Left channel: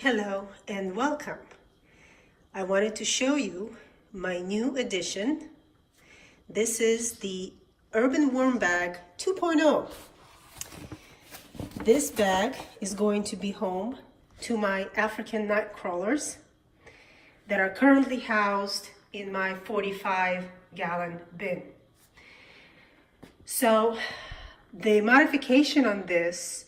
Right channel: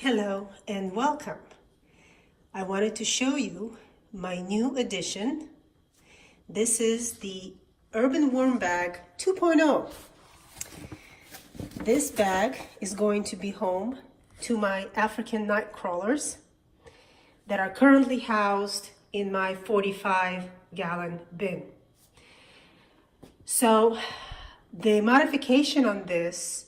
Hello and welcome. I wanted to show you my new addition. This is the Urban Worm Bag 2.0. This bag is going to be home to my African Nightcrawlers that are currently housed in my 45-gallon bin. So the modification on this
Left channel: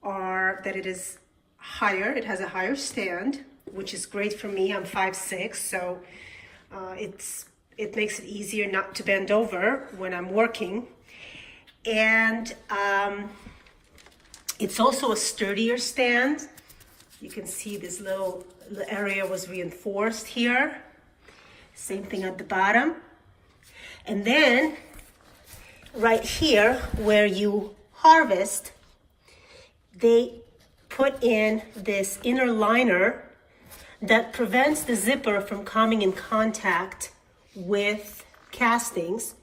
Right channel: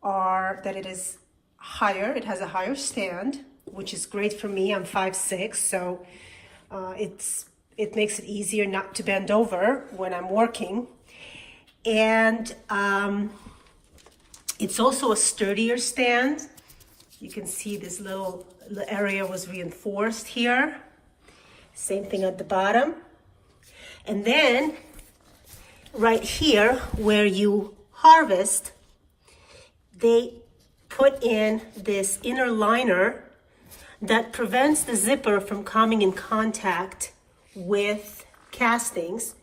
are that it is higher. It has a higher stand, which is great for me. I'm 5'6", so it makes it easier not to bend over when I'm working. And it's also a sturdier stand. You can see this little area was reinforced here. Same thing at the bottom. And then right here where you harvest, they put in this inner liner that prevents the zipper from coming in contact with castings,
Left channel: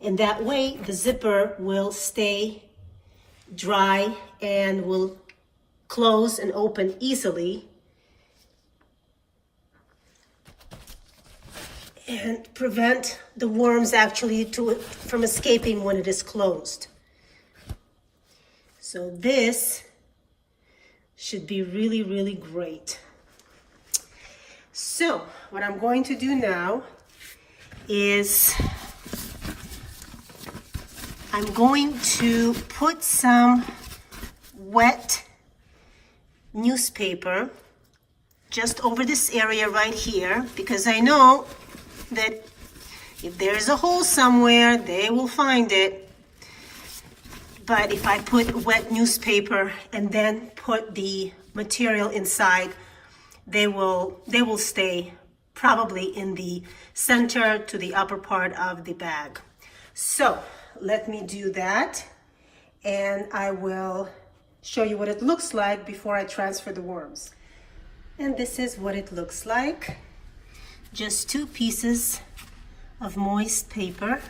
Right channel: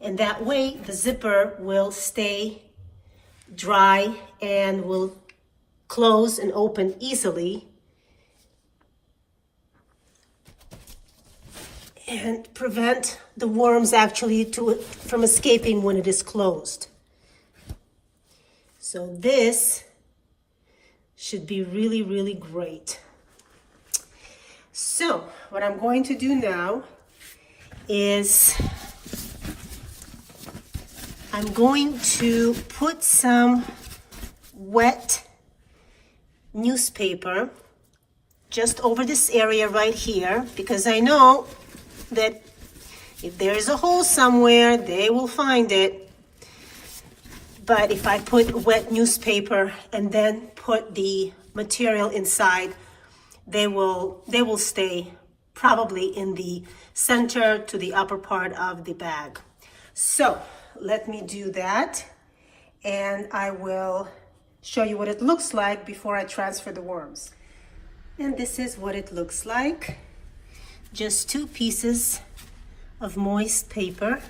and that way the zipper will stay dry and will close and open easily and prevent the worms actually from escaping when it is closed. So this should be really, really great. So what I'm going to do now is I'm going to put some wet newspaper just over this area right here, because I know that if there's a hole somewhere, they will find it. But if I put wet newspaper and then put the material inside, they will stay probably in the center to the upper part of the bag. So let me do that, and I will show you what it looks like before I transfer the worms. And this is what it looks like. Just 2 pieces of moist paper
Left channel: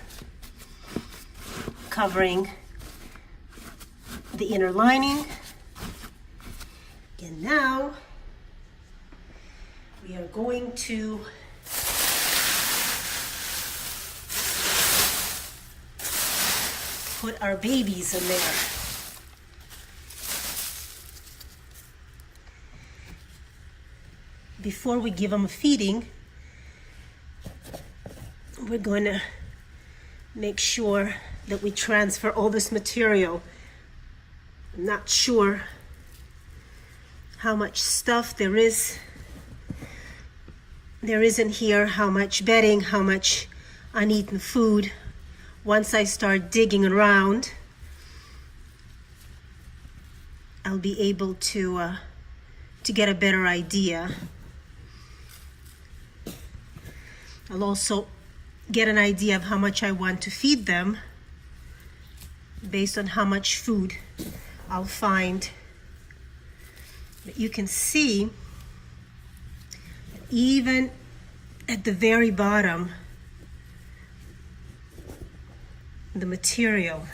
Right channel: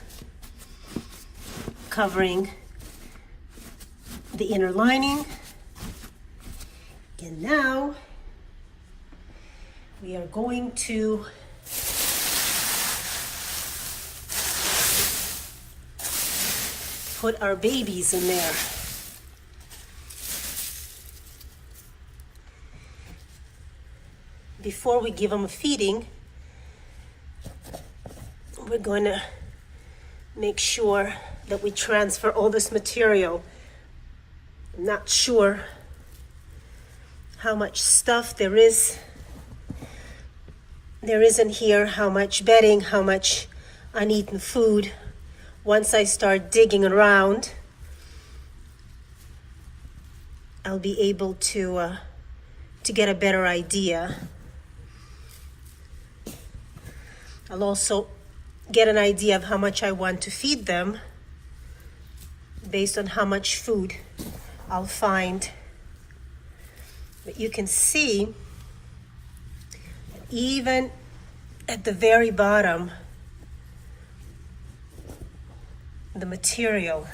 covering the inner lining. And now we are going to put our babies in there. Before we give them a feeding, we're going to make sure that we transfer all this material. I'm not sure how much stuff there is in here, how much bedding, how much uneaten food. Once I start digging around, I'll be able to get a better idea. I'll also get an idea of how much I want to feed them based on how much food I'll find. But you can see that even at the very bottom, the material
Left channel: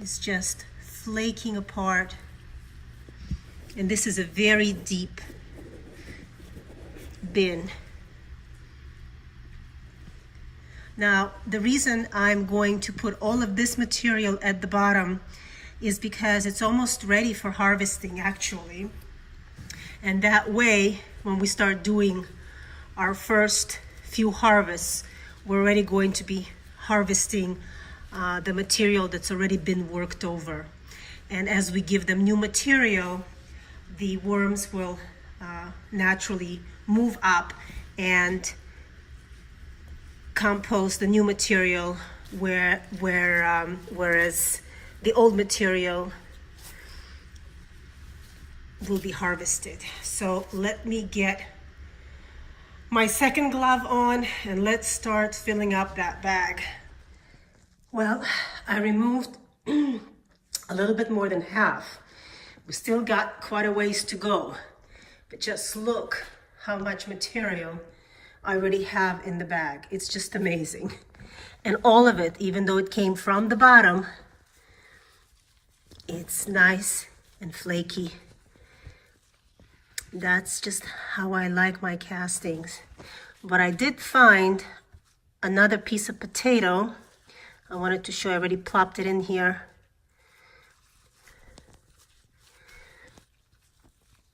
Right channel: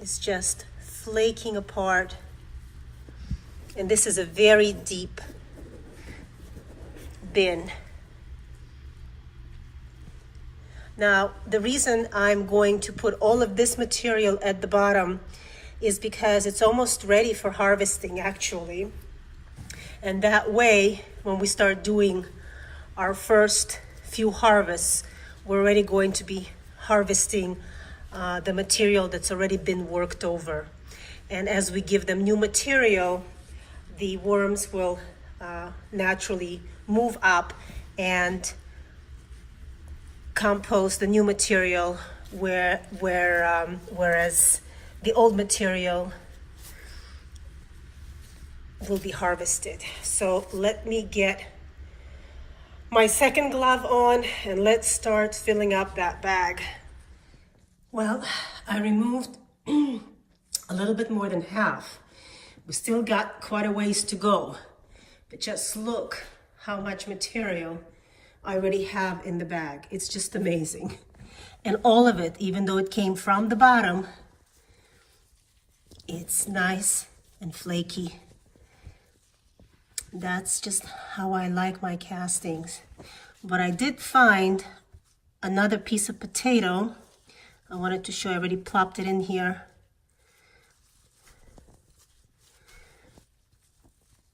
is just flaking apart. And this is a very deep bin. Now, the reason I'm going to put all of this material at the bottom is because it's almost ready for harvesting, actually. And that way, when we start doing our first few harvests, we're already going to be harvesting the material that's already been worked over. And as we give them new material, the worms will naturally move up and compost the new material, whereas the old material will be harvested. So let me get my second glove on and let's start filling up that bag. Well, I removed a little bit more than half. We still got quite a ways to go, but just look how much material I already have in the bag. It's just amazing. And all of it, even though it came from the bottom, it's nice and flaky That's just how I like my castings. But I did find another piece of potato. I wanted to show you, I already plopped it in here.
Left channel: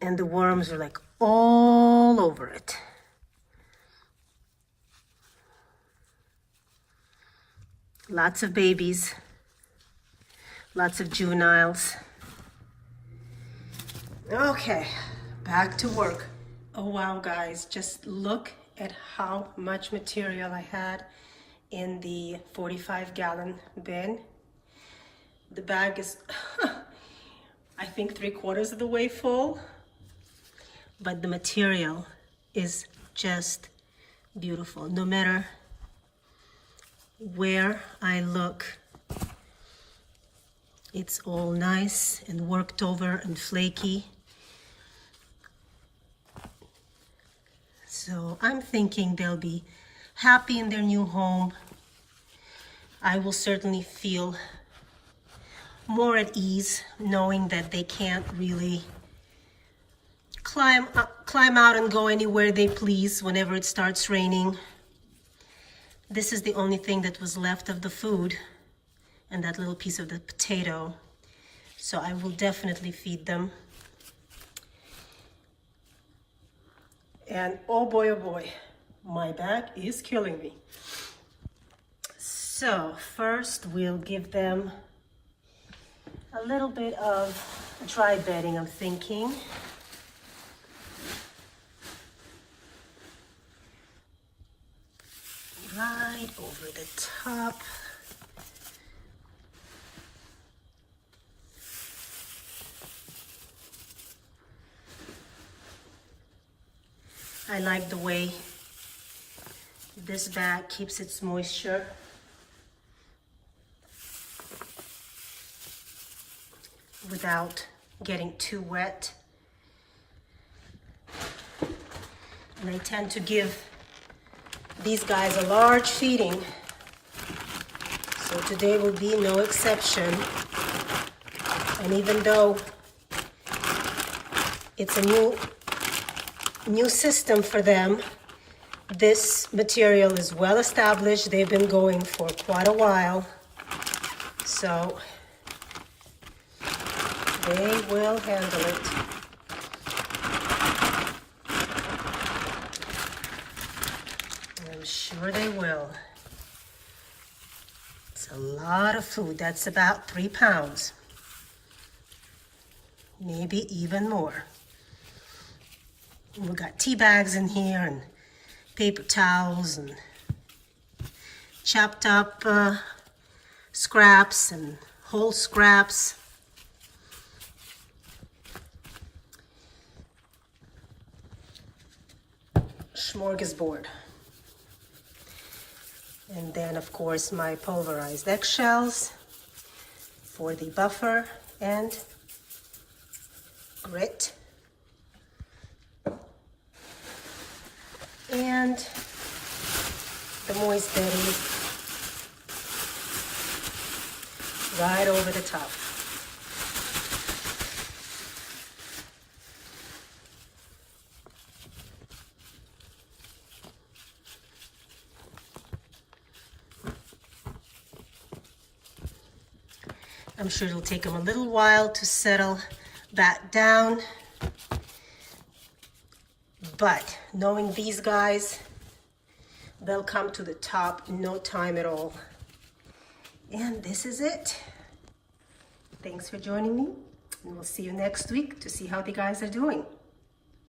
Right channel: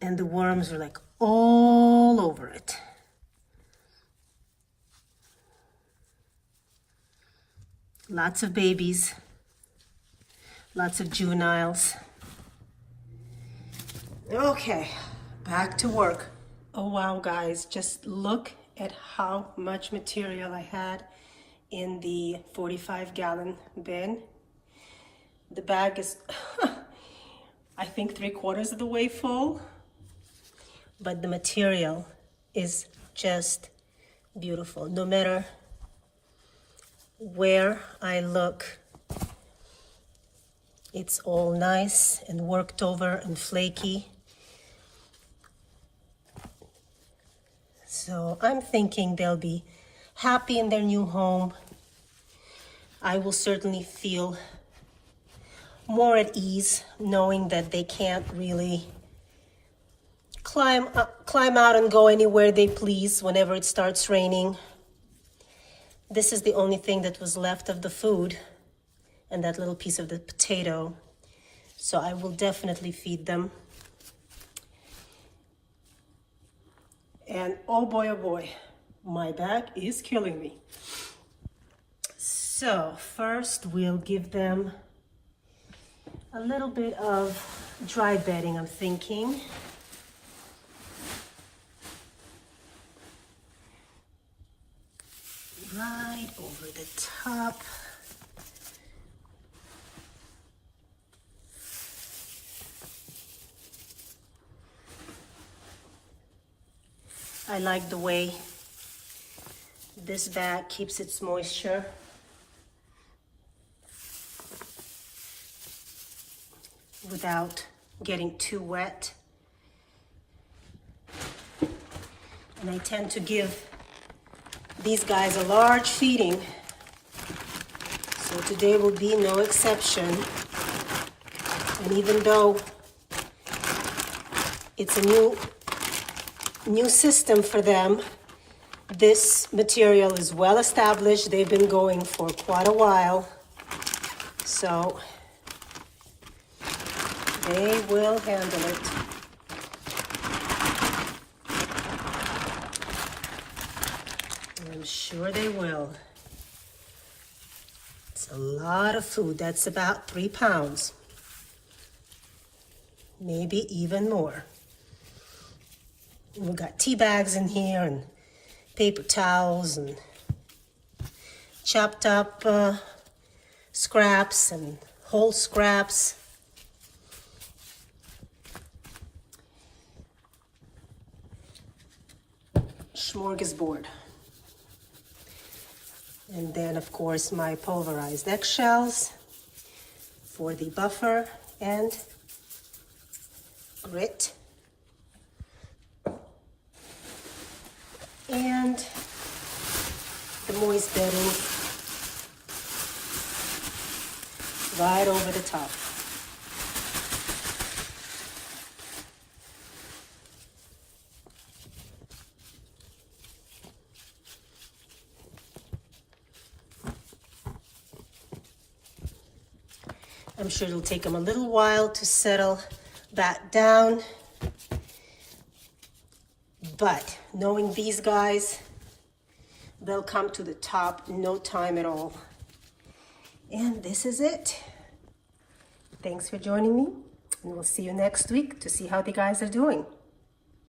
And the worms are like all over it. Lots of babies, lots of juveniles. Okay, back to work. Oh wow, guys, just look at how much material I had in the 45-gallon bin. The bag is, I think, 3/4 of the way full, but the material is just beautiful. No matter where I look, it's all nice and worked over and flaky. So I'm thinking they'll be happy in their new home. I will certainly feel more at ease knowing that they can't really climb out and go anywhere they please whenever it starts raining. This is the only thing that was left of the food, and that little piece of the potato. So I will definitely feed them. And oh boy, my back is killing me. So first we'll give them a little bit of dry bedding, I'm thinking. Right over the top. I like the way this bag keeps its moisture. Without getting too wet. And I tend to give these guys a large feeding. So today will be no exception. And even though it's a new system for them, this material is well established. They've been going for quite a while. So they will handle it. I'm sure they will. It's a lot of food. That's about 3 pounds. Maybe even more. We've got tea bags in here and paper towels and chopped up scraps and whole scraps. Smorgasbord. And then, of course, my pulverized eggshells for the buffer and grit. And the moist bedding right over the top. I'm sure it'll take them a little while to settle back down. But knowing these guys, they'll come to the top in no time at all. And this is it. Thanks for joining me, and we'll see you next week to see how the guys are doing.